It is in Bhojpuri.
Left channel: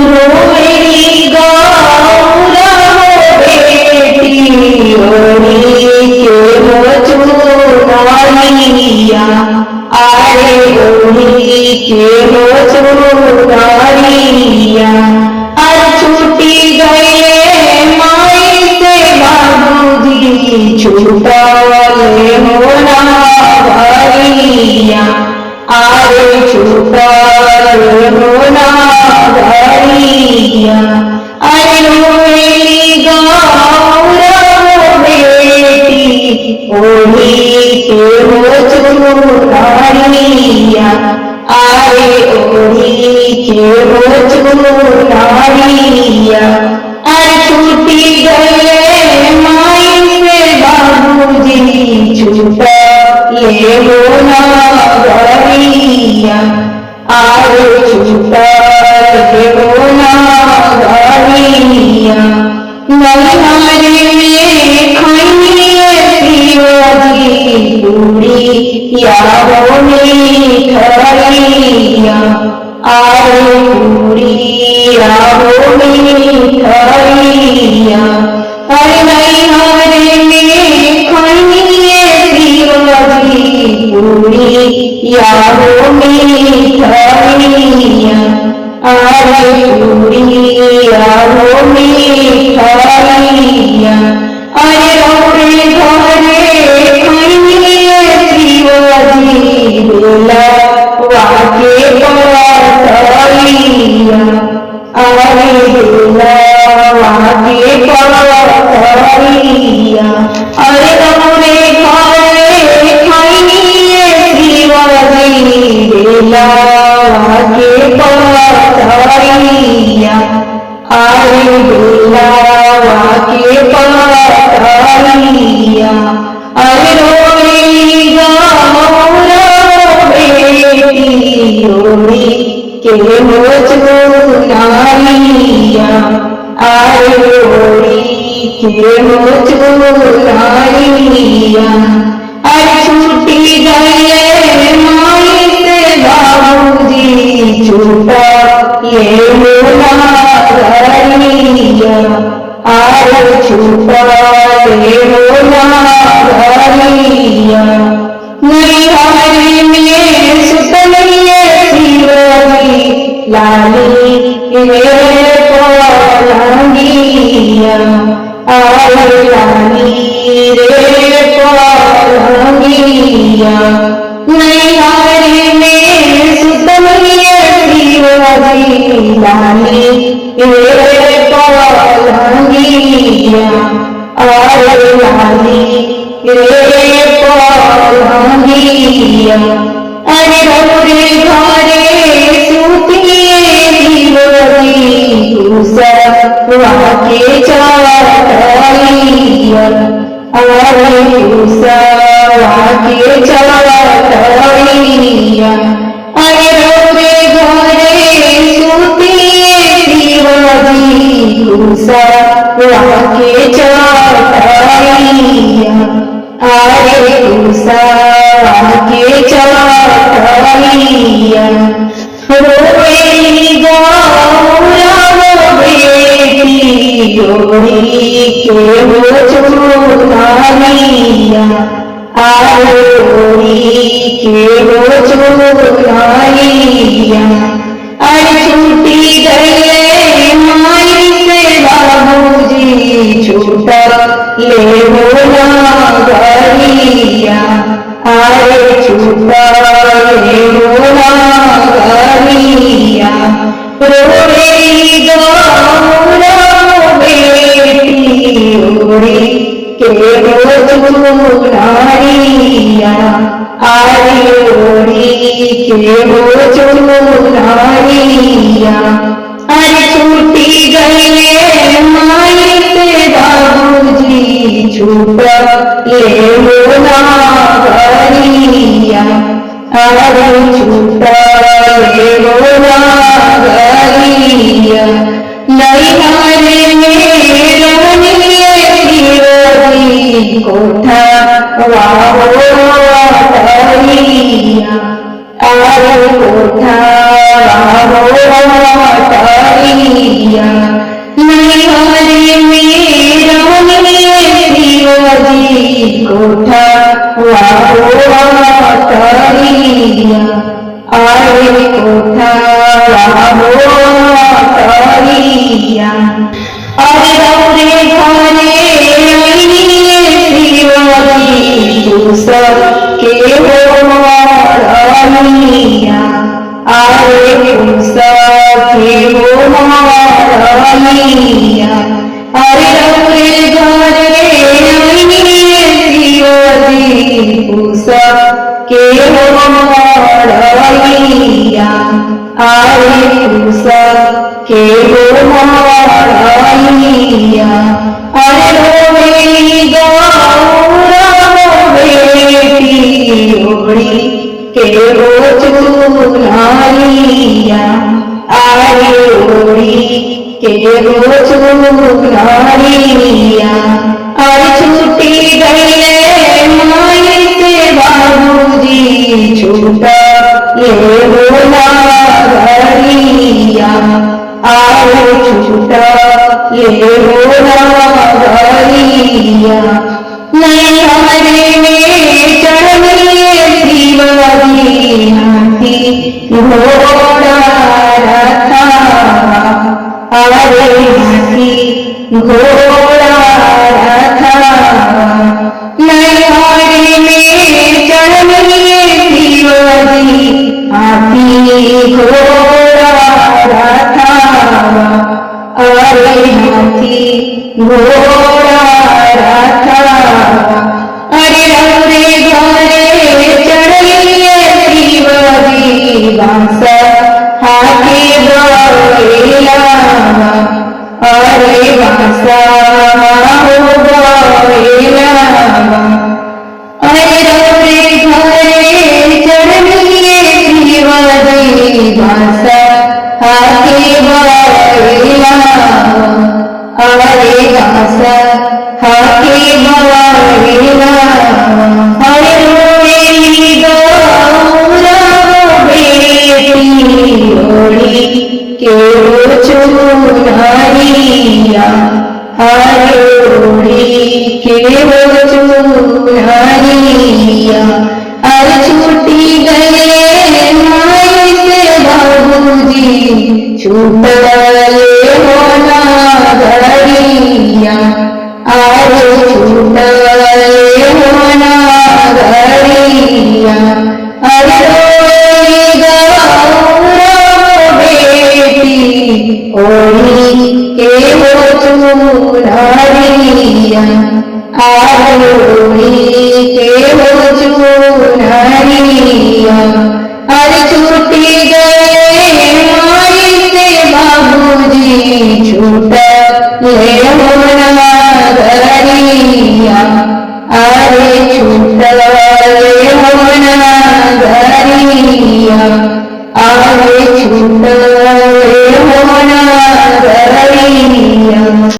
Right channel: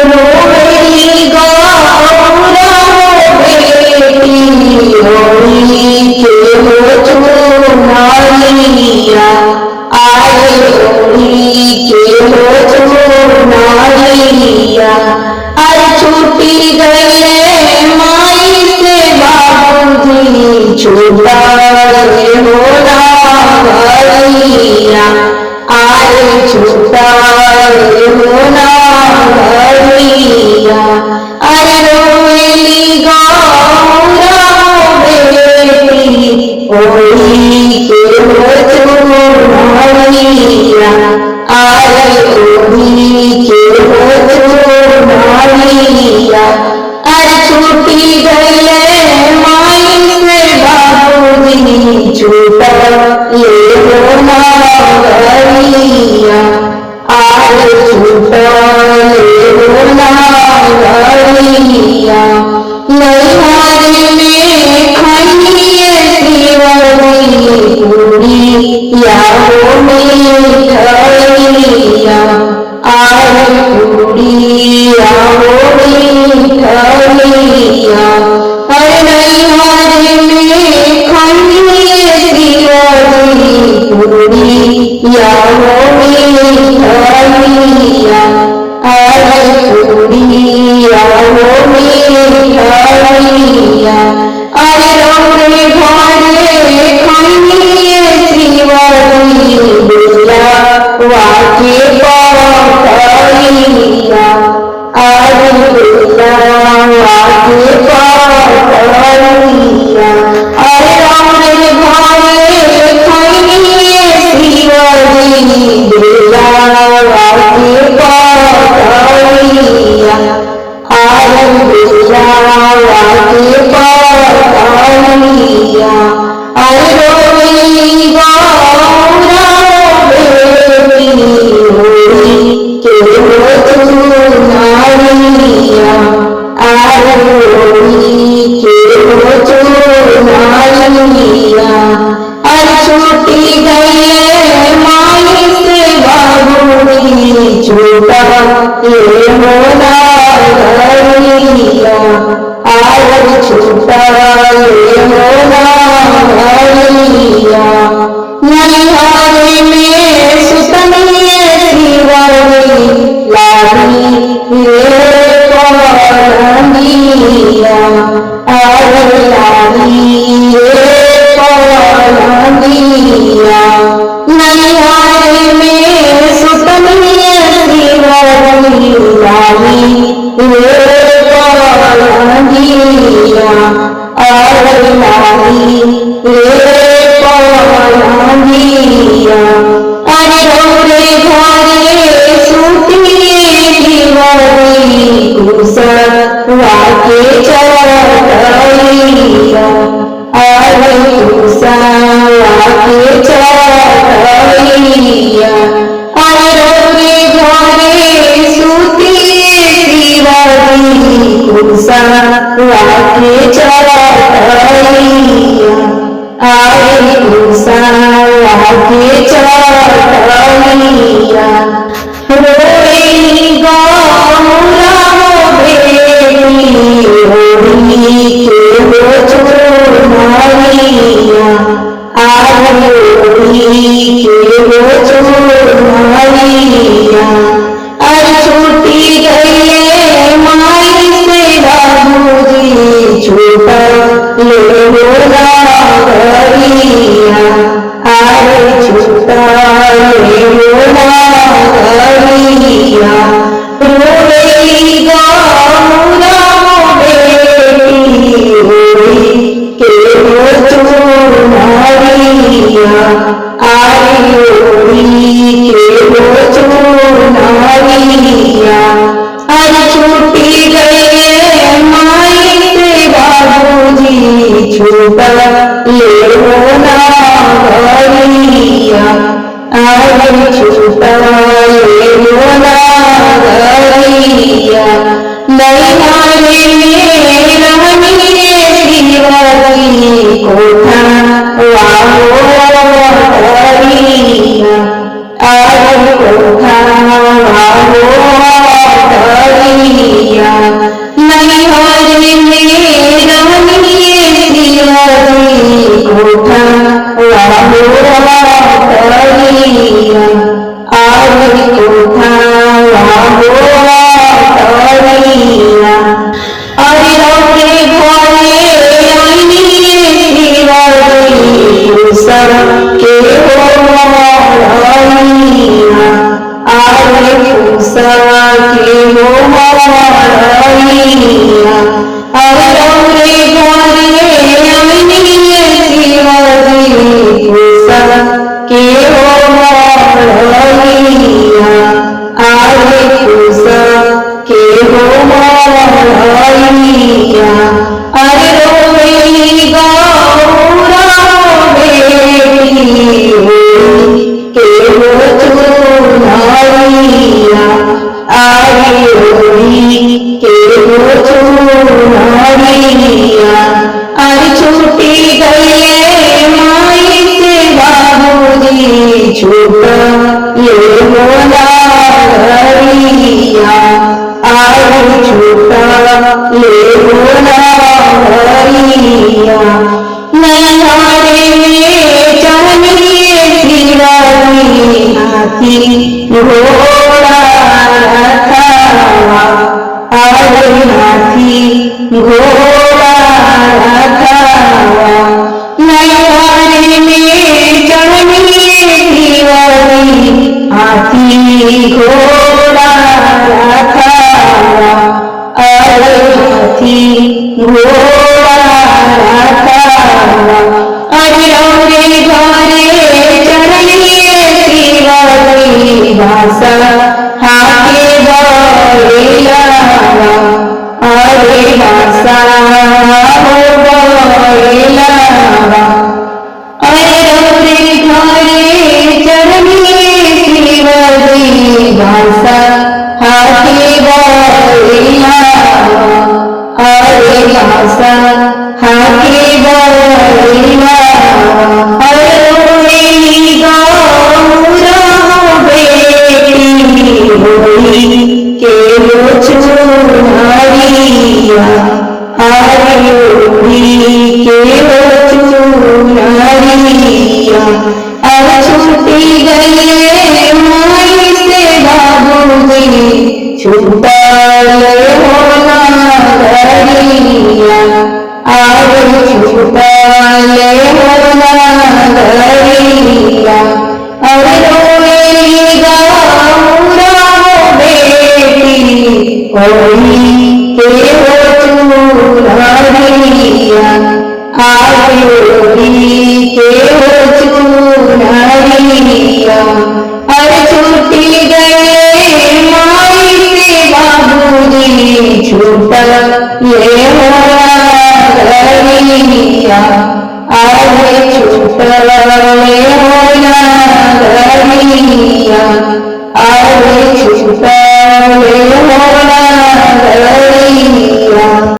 रोवेली गौरा हो बेटी ओढ़ी के हो चुनरिया, आरे ओढ़ी के हो चुनरिया। अरे छूटी गए माई से बाबूजी, छूटा हो ना घरिया, आरे छूटा हो ना घरिया। अरे रोवेली गौरा हो बेटी ओढ़ी के हो चुनरिया, आरे ओढ़ी के हो चुनरिया। अरे छूटी गए माई से बाबूजी, छूटा ले हो ना घरिया, आरे छूटा ले हो ना घरिया। नैहर में खाइए शिवजी पूरी या हो मिठाइया, आरे पूरी या हो मिठाइया। अरे नैहर में खाइए शिवजी पूरी या हो मिठाइया, आरे पूरी या हो मिठाइया। अरे रौरे घरे खाइए शिवजी बुलावा के पठैया, आरे बुलावा के पठैया। अरे रौरे घरे खाइए शिवजी बुलावा के पठैया, आरे बुलावा के पठैया। अरे रोवेली गौरा हो बेटी ओढ़ी के हो चुनरिया, आरे ओढ़ी के हो चुनरिया। अरे छूटी गए माई से बाबूजी, छूटा ले हो ना घरिया, आरे छूटा ले हो ना घरिया। नैहर में सुतनिए शिवजी लाली रे पलंगिया, आरे लाली रे पलंगिया। नैहर में सुतनिए शिवजी लाली रे पलंगिया, आरे लाली रे पलंगिया। अरे रौरे घरे सुतिए शिवजी कुसवा के चटैया, आरे कुसवा के चटैया। अरे रौरे घरे सुतिए शिवजी कुसवा के चटैया, आरे कुसवा के चटैया। रोवेली गौरा हो बेटी ओढ़ी के हो चुनरिया, आरे ओढ़ी के हो चुनरिया। अरे छूटी गए माई से बाबूजी, छूटा ले हो ना घरिया, आरे छूटा ले हो ना घरिया। रोवेली गौरा हो बेटी ओढ़ी के हो चुनरिया, आरे ओढ़ी के हो चुनरिया। अरे छूटी गए माई से बाबूजी, छूटा ले हो ना घरिया, आरे छूटा ले हो ना घरिया। नैहर में रहनिए शिवजी कोठा वाहो घरिया, आरे कोठा वाहो घरिया। मारिया अरे रौरे घरे अनिए शिवजी पुसा के हो मारिया अरे पुसा के हो मारिया अरे रोवेली गौरा बेटी होई के हो चुनारिया आरे होई के हो चुनारिया अरे छूटी गए माई से बाबूजी छूटा ये बोला घरिया आरे छूटा ये बोला घरिया नैहारे में चढ़िए शिवजी हाथी घोड़ा रथावा अरे हाथी घोड़ा रथावा नैहारे में चढ़िए शिवजी हाथी घोड़ा रथावा अरे हाथी घोड़ा रथावा अरे रौरे घरे चढ़िए शिवजी बास हाथे गएलावा अरे बास हो गएलावा अरे रौरे घरे चढ़िए शिवजी बास हाथे गएलावा अरे बास हाथे गएलावा अरे रोवेली गौरा बेटी होई के हो चुनारिया अरे होई के हो चुनारिया अरे छूटी गए माई से बाबूजी छूटा ले हो ना घरिया अरे छूटा ले हो ना घरिया अरे रोवेली गौरा बेटी होई के हो चुनारिया अरे होई के हो चुनारिया अरे छूटी गए माई से बाबूजी छूटा ले